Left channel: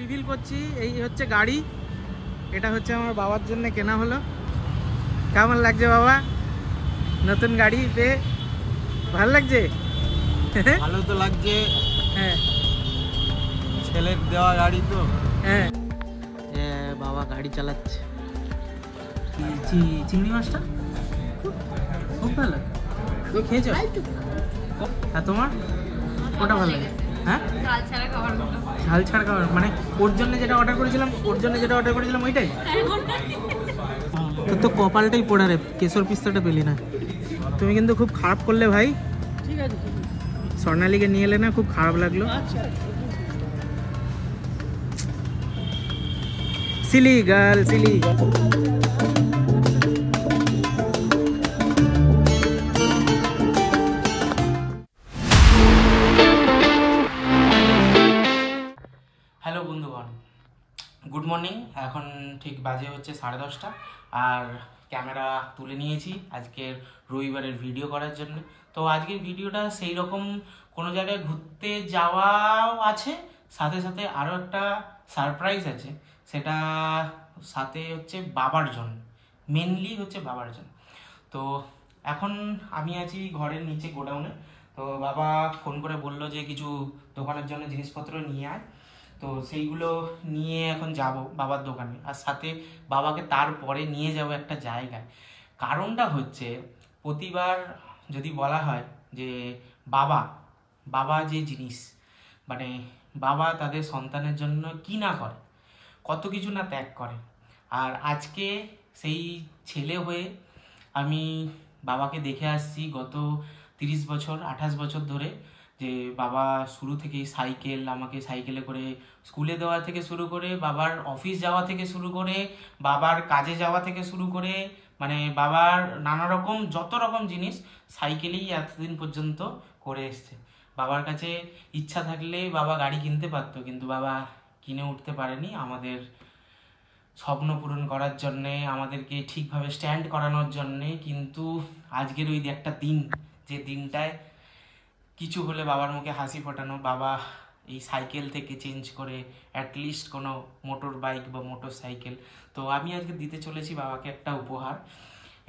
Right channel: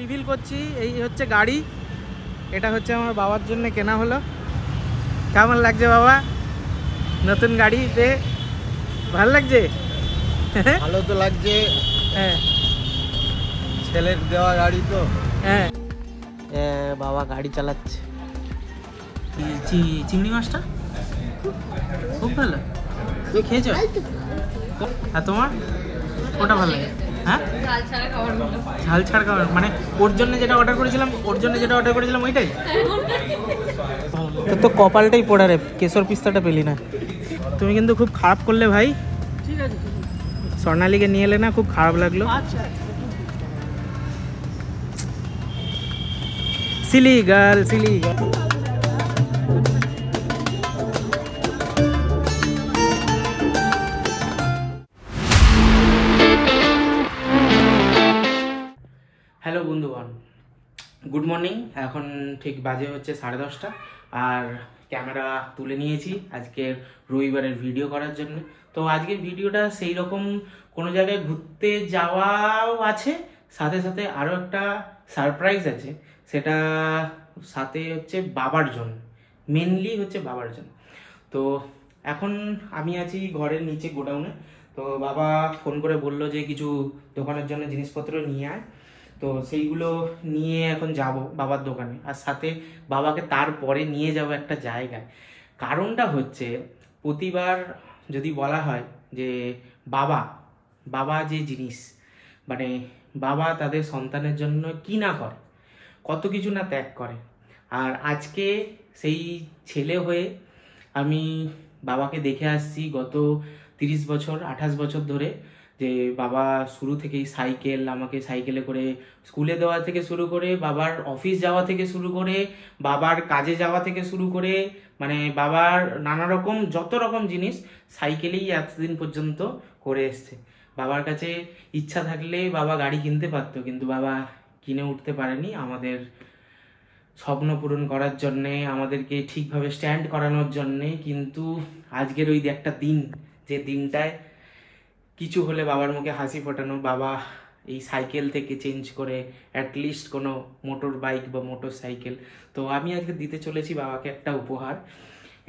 Reveal করছি, এই হচ্ছে গাড়ি, এটা হচ্ছে আমার বাবার জন্য কেনা হলো। কেমন লাগছে বাবা নতুন গাড়ি পেয়ে? ভালো লাগছে? ভালো তো লাগছে। হ্যাঁ, ছেলের দেওয়া গাড়ি তো। হ্যাঁ বাবা গাড়ি চালাচ্ছে। চিংড়ি মাছটা খুব ভালো, তুমি খেয়েছো? আর তোমার ওটা ভালো লাগে? হ্যাঁ, ঝাল ছাড়া খাবার মানে ওর জন্য যেটা অর্ডার করেছিলাম ওইটাই তো কপালটাই পড়া রে, কেশর পিস্তাটা পেলি না। তুমি কিন্তু খুব খারাপ করলে ভাই, স্বর্ণালীকে নিয়ে এলে না, খুব খারাপ লাগলো। Silly girl, silly. হ্যালো বন্ধুগণ, গুড মর্নিং। এখন ঠিক বাজে হচ্ছে 10:30 আর ক্যামেরা তুলে নিয়েছি আজকের রবিবারের ভিডিও করার জন্য। তো আজকের ভিডিওটা সেই রকম কোনো জায়গায় ঘুরতে যাওয়াও আছে, সাথে সাথে আরও একটা সারপ্রাইজ আছে, সেটা সাথে হচ্ছে বাবার জন্য, মেনলি হচ্ছে বাবার জন্য। তো এখন আমি আছি ঘরের নিচে গোডাউনে। তো বাবা ফোন করে বললো যে কিছু দোকানের জন্য জিনিসপত্র নিয়ে আয়, তো সেইগুলো নিয়ে এখন যাব বাবার দোকানে, আর সাথে বাবাকে তারপরে নিয়ে যাব একটা জায়গায়। কারণটা হচ্ছে প্রতিবার যদি বলা হয় যে বাবা বাবা যে জিনিস, মানে বাবা তাদের সন্তানের জন্য কি না করে, কত কিছু না ত্যাগ করে। আর আজকে সেই ছেলে হয়ে আমি বাবাকে দেখে আসছি গত 30 বছর 28 বছর ধরে, যে বাবা শুরু থেকেই সাইকেল, আমাকে সাইকেলে করে স্কুলে দেওয়া থেকে শুরু করে, বাবার অফিস যাওয়া থেকে শুরু করে, বাবার কাজে যাওয়া থেকে শুরু করে, মানে বাবার নানা রকম যত রকম জিনিস সাইকেলেই এতদিন পর্যন্ত করে এসছে। বাবার কাছে ইচ্ছা থাকলে বাবা গাড়ি কিনতে পারতো, কিন্তু বাবা কিনে উঠতে পারেনি আমাদের স্বপ্ন পূরণ করার জন্যে, আমাদেরকে ঠিকভাবে স্ট্যান্ড করানোর জন্যে। কিন্তু আজকের ওই একটা দিন, যে দিনটায় কিছু হলে বাবার মুখে হাসি ফোটানো, বাবা এই সাইকেল থেকে চেঞ্জ করে অ্যাটলিস্ট কোনো মোটর বাইক বা মোটর সাইকেল। তো আমি আজকে দিতে চলেছি বাবাকে একটা উপহার।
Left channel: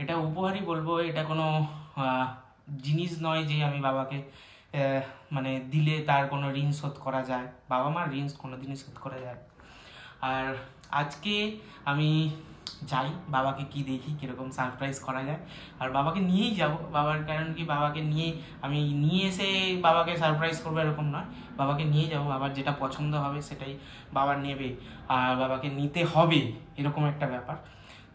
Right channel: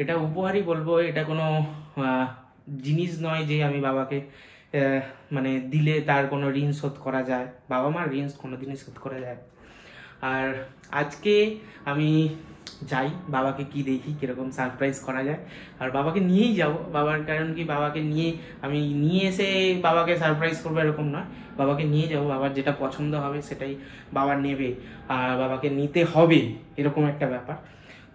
এটা উপহারই বলবো, এটা কোনো জিনিস নয় যে আমি বাবাকে মানে দিলে তার কোনো ঋণ শোধ করা যায়। বাবা মার ঋণ কোনোদিনই শোধ করা যায়। আর আজকে আমি যাই, বাবাকে কি দেখি কিরকম সারপ্রাইজ করা যায়, আর বাবাকে নিয়েই যাব। বাবার কারণ কি, বাবাকে নিয়ে আমি নিয়ে এসে বাবাকে সারপ্রাইজ করবো এরকম নয়, বাবাকে নিয়ে যাব, বাবার যেটা পছন্দ হবে সেটাই বাবা নেবে, আর বাবাকে নিতে হবে, এরকম একটা ব্যাপার।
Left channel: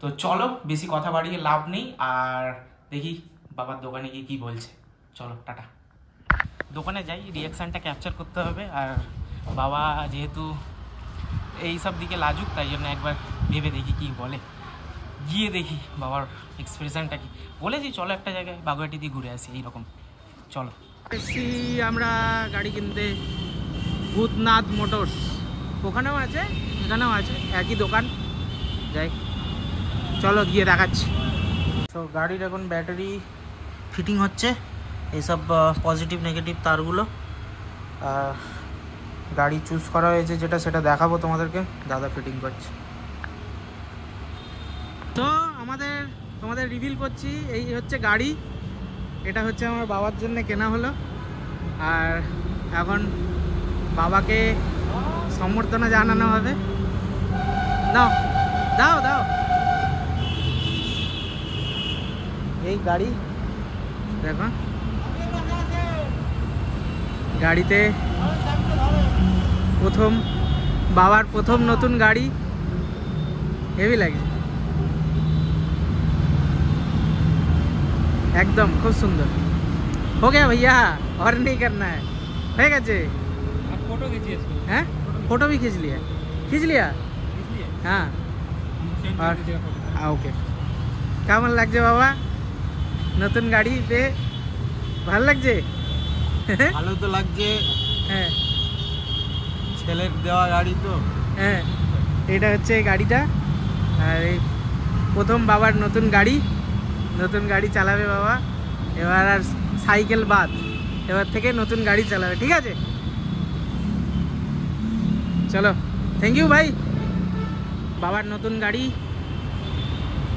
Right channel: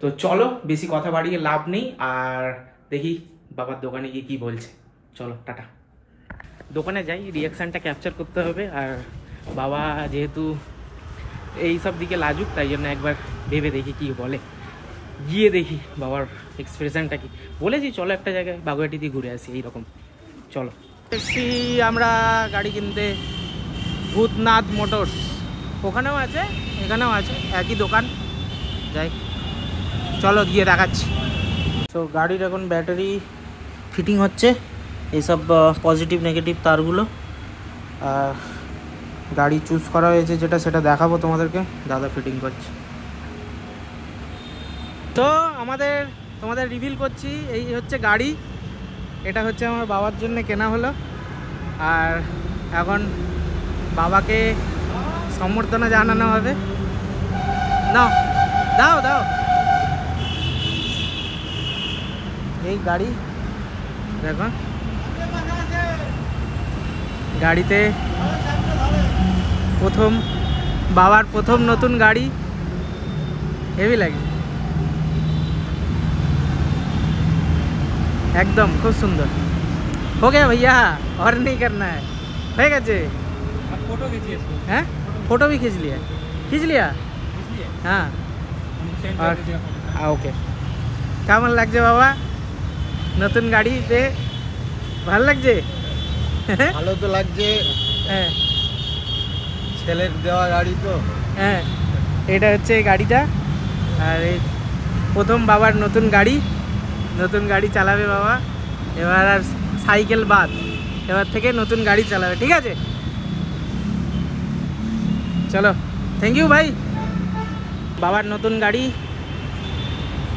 তো চলো, বেশি কথা বাড়িয়ে লাভ নেই, আর দেখি বাবার দোকানে গিয়ে কি বলছে। চলো টাটা। দোকানে যাই, রিয়াকশানটা ক্যাপচার করতে হবে। আর বাবা যেহেতু এই সব দিকে লাজুক, তাই জন্য একবার ভেবে দেখি কি বলে, গিয়ে দেখি বাবার এক্সপ্রেশনটা কি। বলেছি চলো একটা জায়গায় বাগুয়াটি দিয়ে ঘুরে আসি, এইরকম। চলো এসছি আমরা গাড়ি কিনতে, ভূতনাথ মোটরস। ওখানেও আছে এখানেও আছে, একই দোকান। যাই, চলো গিয়ে দেখাচ্ছি। তো গাড়ির এখন ব্যাটারি ফিটিং হচ্ছে, এইসব পজিটিভ নেগেটিভ তারগুলো। গাড়ি চুজ করা হয়েছে যেটা, সেটা দেখাবো তোমাদেরকে, দাদা ফিটিং করছে। তো তোমাদের রিভিল করছি, এই হচ্ছে গাড়ি, এটা হচ্ছে আমার বাবার জন্য কেনা হলো। আর এখন বাবাকে সম্বর্ধনা জানানো হবে। নাও, দাও দাও। এই গাড়ি দেখো, গাড়িতে বাবার প্রথম নতুন গাড়ি, হেভি লাগে एकदम, खूब सुंदर। हो गया भैया, और नहीं करना है, हो गए। आप फोटो खींचिए इसको। हैं, फोटो भी खींच लिया हाँ। और ओके, কেমন লাগছে বাবা নতুন গাড়ি পেয়ে? ভালো লাগছে? ভালো তো লাগছে। হ্যাঁ, ছেলের দেওয়া গাড়ি তো। হ্যাঁ, এটা হচ্ছে এই গাড়িটা। আর এই প্রথম বাবার নতুন গাড়ি চালাবে বাবা। এবার আর সাইকেল বাদ, এবার থেকে নতুন গাড়ি চালাবে, ঠিক আছে? চলো থ্যাংক ইউ ভাই। বাবার নতুন গাড়ি,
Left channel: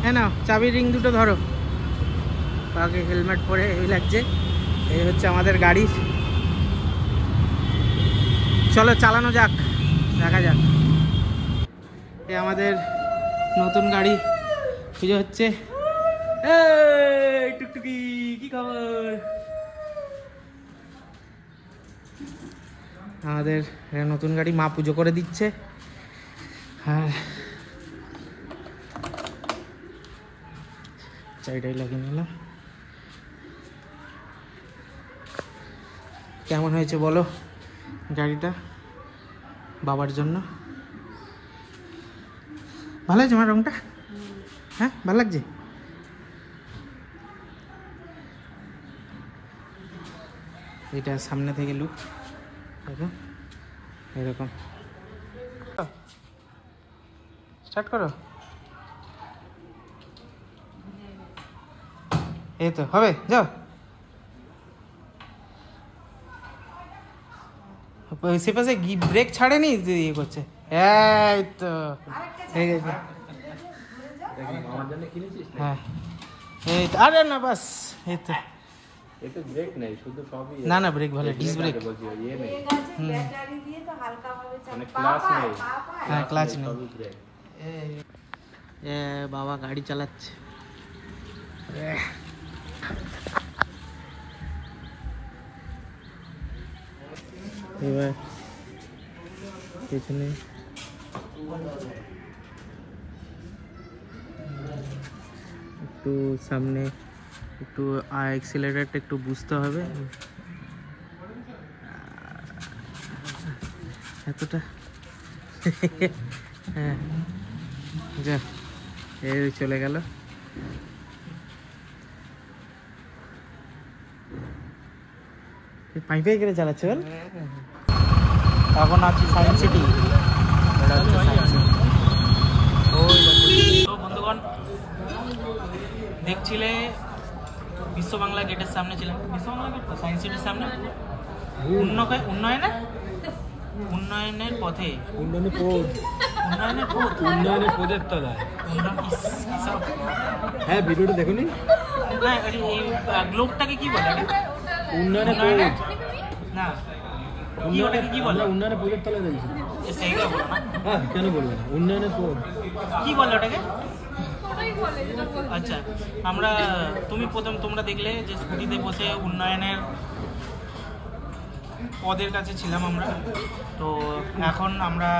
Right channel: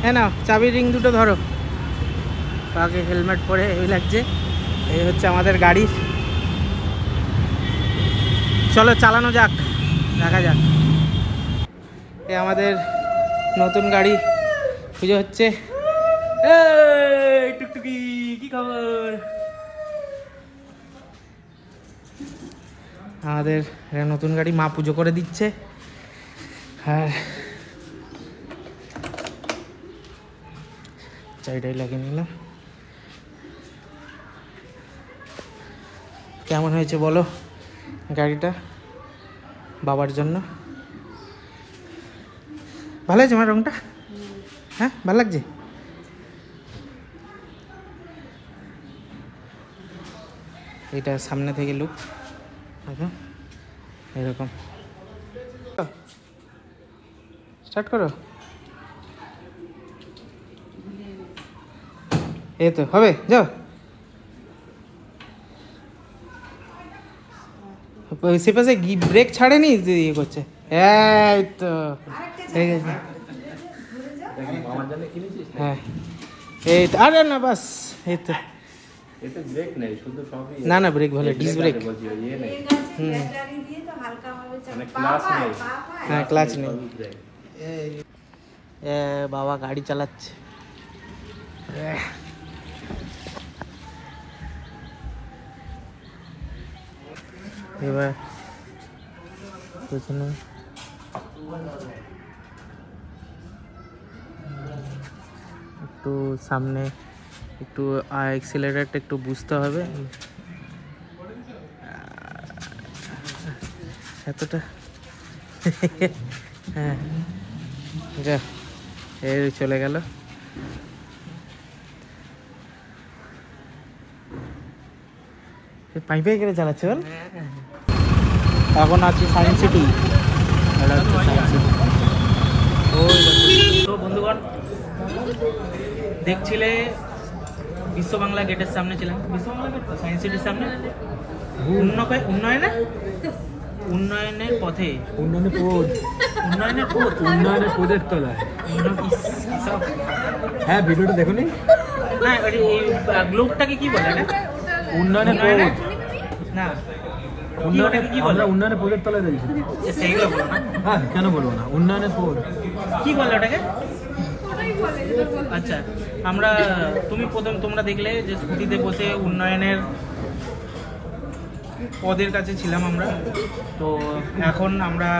হ্যাঁ না চাবির রিং দুটো ধরো, বাবাকে হেলমেট পরে এই লাগছে। এই হচ্ছে আমাদের গাড়ি, চলো চালানো যাক, দেখা যাক। এই আমাদের নতুন গাড়ি পুজো হচ্ছে। এই টুকটুকি কি খবর? আমাদের নতুন গাড়ি মা পুজো করে দিচ্ছে। হ্যাঁ চাইটাই লাগিয়ে নিলাম। কেমন হয়েছে বলো গাড়িটা বাবার জন্য? ভালো হয়েছে আমার রংটা? হ্যাঁ ভালো লাগছে। এটা সামনে থেকে লুক এরকম। স্টার্ট করো। এই তো হবে, যাও। সে পাশে ব্রেক ছাড়েনি, ইয়ে করছে। এই তো হ্যাঁ এই তো, আরে না বাস এই তো। না না ব্রেক ভালো, ডিস ব্রেক। হ্যাঁ ক্লাচ নেই। বাবা গাড়ি চালাচ্ছে। এবার পেছনে একটু, সামনে একটু অ্যাক্সিলারেটরটা একটু বুঝতে হবে। এতটা হ্যাঁ যা এই চলে গেল। পাইপে করে চালাচ্ছে। এখন আছে সায়েন্স সিটি, তো বন্ধুগণ দেখছিলে বিশ্ব বাংলা গেটের সামনে ছিলাম। বিশ্ব বাংলা গেট সায়েন্স সিটির সামনে। উন্নয়নের পথে, উন্নয়নের পথের তলায়। হ্যাঁ ভিডিওটা দেখো নি না, এই গ্লোবটাকে কি বলে না? উন্নয়নের না কি বলে? উন্নয়নের পথের তলায় রয়েছে সেইগুলো বলো না। হ্যাঁ কেন বলবো না, উন্নয়নের পথ কি বলে ওটাকে? আচ্ছা আমরা, তোমরা দেখলে যে স্কুটিতে বসে উন্নয়নের পদের কাছে ছিলাম আমরা। তো এখন আমরা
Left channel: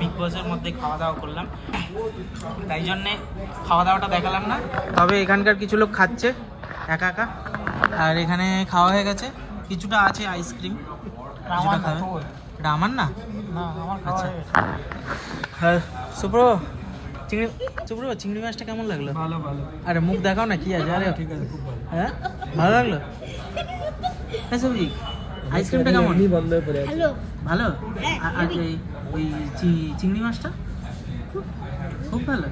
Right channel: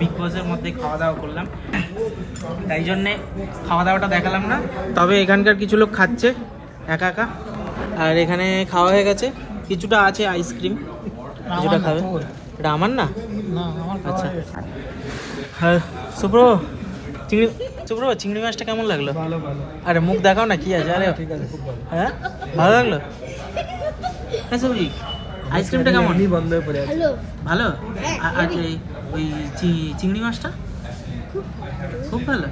বিগ বসের মধ্যে খাওয়া দাওয়া করলাম, তাই জন্যে খাওয়া দাওয়াটা দেখালাম না। তবে এখানকার কিছু লোক খাচ্ছে একা একা, আর এখানে খাওয়া হয়ে গেছে। কিছুটা আছে আইসক্রিম, কিছুটা খাবে। এটা আমার না? আচ্ছা হ্যাঁ শুভ্র, চিংড়ি মাছটা কেমন লাগলো? ভালো ভালো। আরে মুখ দেখাও না, কি আছে? আরে ঠিক আছে, খুব ভালো। হ্যাঁ ভালো লাগলো। হ্যাঁ সবজি আইসক্রিমটা কেমন? ভালো। আর ওই চিংড়ি মাছটা খুব ভালো।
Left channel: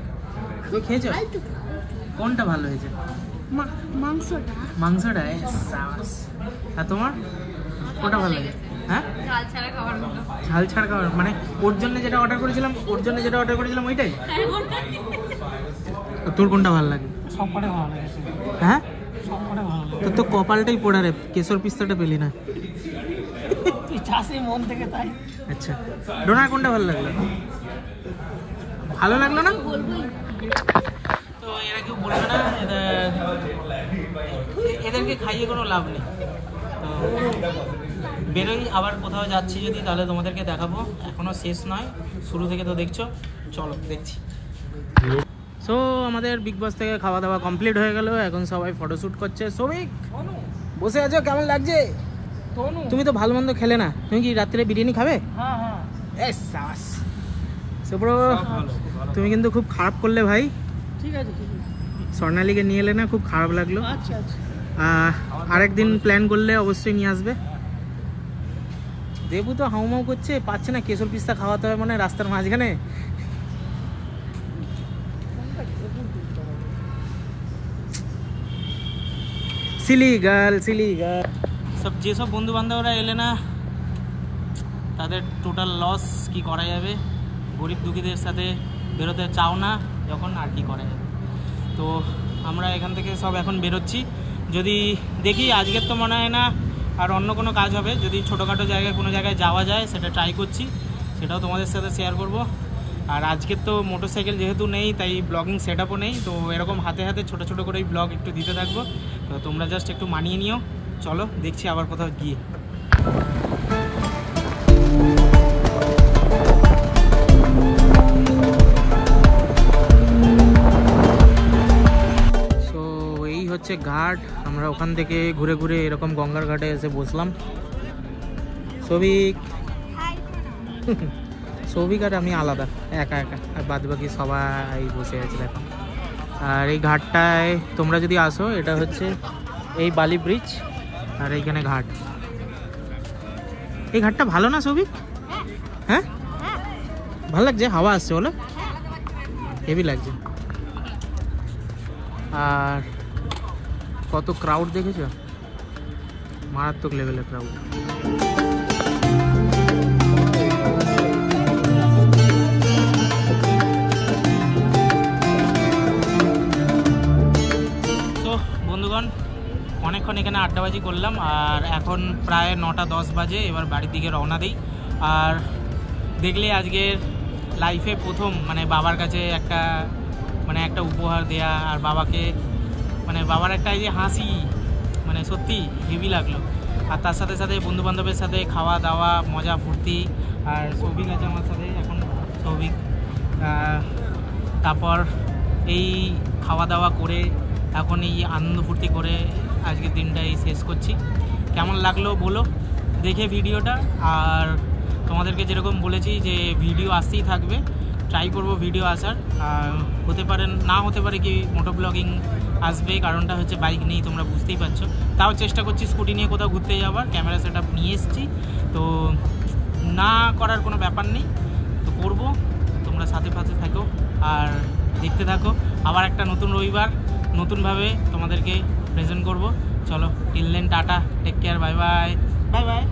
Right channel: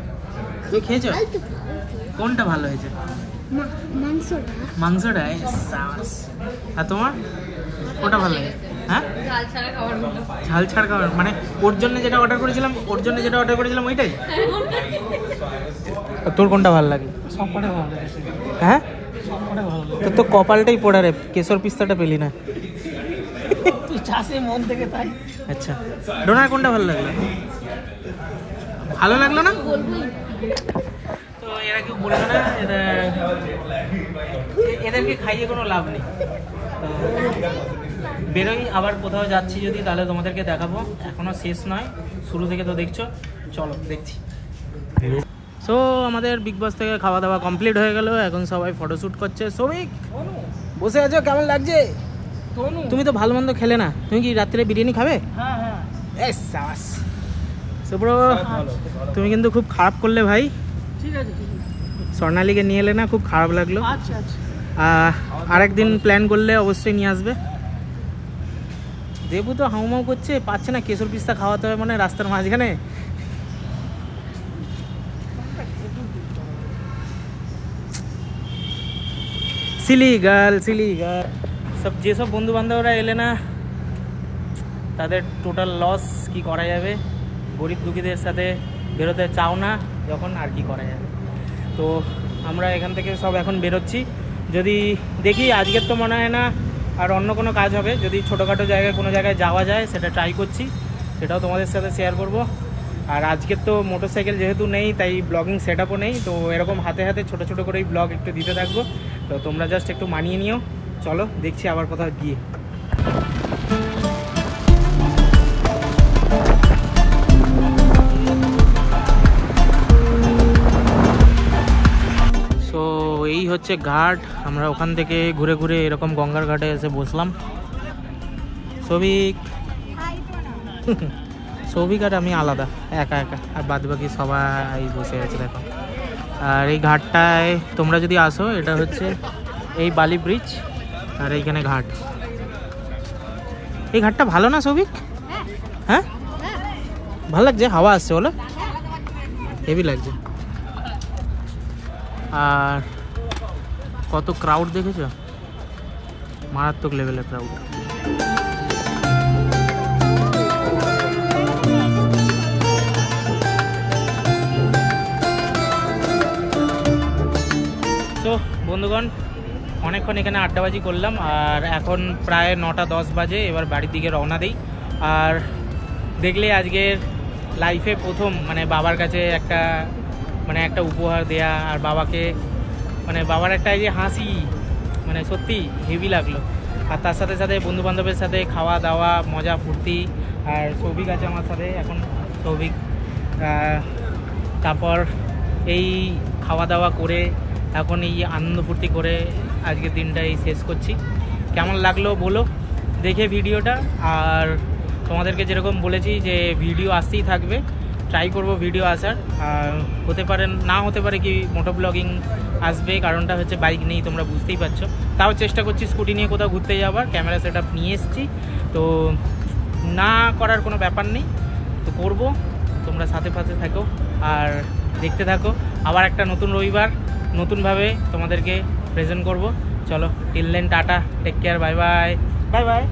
তুই খেয়েছো? কোনটা ভালো হয়েছে? মাংসটা। আর তোমার ওটা ভালো লাগে? হ্যাঁ ঝাল ছাড়া খাবার মানে ওর জন্য যেটা অর্ডার করেছিলাম ওইটাই। তোর কোনটা ভালো লাগে? হ্যাঁ তোর তো কপালটাই পড়া রে, কেশর পিস্তাটা পেলি না। আচ্ছা ডোনার কোনটা ভালো লাগলো? ভালো লাগলো না তো এরা কেউ বলবে না, এদেরকে খাইয়ে কোনো লাভ নেই। তো বেরোই, আবার কোথাও যাচ্ছি যদি তাহলে তোমাদেরকে দেখাবো। এখনো শেষ নয়, শুরু থেকে তো দেখছো, চলো দেখছি। সো আমাদের বিগ বস থেকে খাওয়া দাওয়া কমপ্লিট হয়ে গেল, এখন সবাই ফটোশ্যুট করছে। সৌমিক বসে আছো, কেমন লাগছে? তুমি তো ভালো মন্দ খেলে না, তুমি কি রাত্রে বিরিয়ানি খাবে? তুমি কিন্তু খুব খারাপ করলে ভাই। ঠিক আছে স্বর্ণালীকে নিয়ে এলে না, খুব খারাপ লাগলো। আরেকদিন প্ল্যান করলে অবশ্যই নিয়ে আসবে। দেবু তো হাউমাউ করছে, পাচ্ছে না, কেশর পিস্তা খাওয়াতে হবে মানে রাস্তার মাঝখানে। সিলি গার্ল সব যেসব বন্ধু বান্ধবরা এলে না তাদের টোটাল লস, কি করা যাবে গরিব দুঃখীদের সাথে বেরোতে চাও না যখন, আর কি করা যাবে। তো আমরা এখান থেকে সব এখন বেরোচ্ছি। যদি দেখি আজকের তো মনে হয় না আর অন্য কোনো কাজ হবে, যদি ছোটোখাটো জায়গায় কোনো জায়গায় যাওয়া যায় সেটা ট্রাই করছি, সেটাও তোমাদের সাথে শেয়ার করব। আর আজকের তো মোটরসাইকেল যেহেতু নেই তাই ব্লগিং সেট আপও নেই, তো এরকম হাতে হাতে ছোটো ছোটো করেই ব্লগ একটু দিতে থাকবো। তো তোমরা জাস্ট একটু মানিয়ে নিও। চলো দেখছি আবার কোথাও গিয়ে। এই হচ্ছে ঘাট, আমরা ওখান থেকে ঘুরে ঘুরে এরকম গঙ্গার ঘাটে এসে বসলাম। সৌভিক আর আমি আলাদা, একা একা, আর বাদ বাকি সবাই বসে আছে দেখো। আর এই ঘাটটায় তোমরা যদি আসো, এটা হচ্ছে এই বালি ব্রিজ, আর এইখানে ঘাট। এই ঘাটটা ভালো না সৌভিক? হ্যাঁ ভালো লাগছে, হাওয়া আসছে বলো, হেভি লাগছে। আর কত ক্রাউড দেখেছো, মারাত্মক লেভেলের ক্রাউড। তো বন্ধুগণ, অনেকক্ষণ এখানে আড্ডাবাজি করলাম, আর এখন প্রায় 9:10 বাজে। এবার বাড়ির দিকে রওনা দিই। আর দেখলে আজকের লাইফে প্রথম মানে বাবার কাছে একটা উপহার দেয়া, আর বাবাকে বাবার একটা এই যে হাসি, সত্যি হেভি লাগলো। আর তার সাথে সাথে বন্ধু বান্ধবের সাথে খাওয়া দাওয়া, মজা ফুর্তি। আর সৌভিক আছে আমার সাথে এখন, সৌভিক। তারপর এই খাওয়া দাওয়া করে এখন এই আনন্দ ফুর্তি করে আজকের দিনটাই শেষ করছি। কেমন লাগলো বলো দেখে ভিডিওটা। আর তোমাদেরকে যেরকম বলেছি যে ভিডিও আসতেই থাকবে, ট্রাই করব ভিডিও আসার। আর হতে পারে না হতে পারে কি মোটো ব্লগিং আসবে, কারণটা হচ্ছে বাইক নেই, তোমরা বুঝতেই পারছো। তাও চেষ্টা করছি স্কুটি নিয়ে কোথাও ঘুরতে যাওয়ার, ক্যামেরা সেট আপ নিয়ে এসেছি। তো না করার কোনো ব্যাপার নেই, তো করব। তোমরা সাথে সাথে থাকো আর দেখতে থাকো। আবার একটা নতুন রবিবার নতুনভাবে তোমাদেরকে প্রেজেন্ট করব। চলো, till then tata, take care, bye bye, bye by.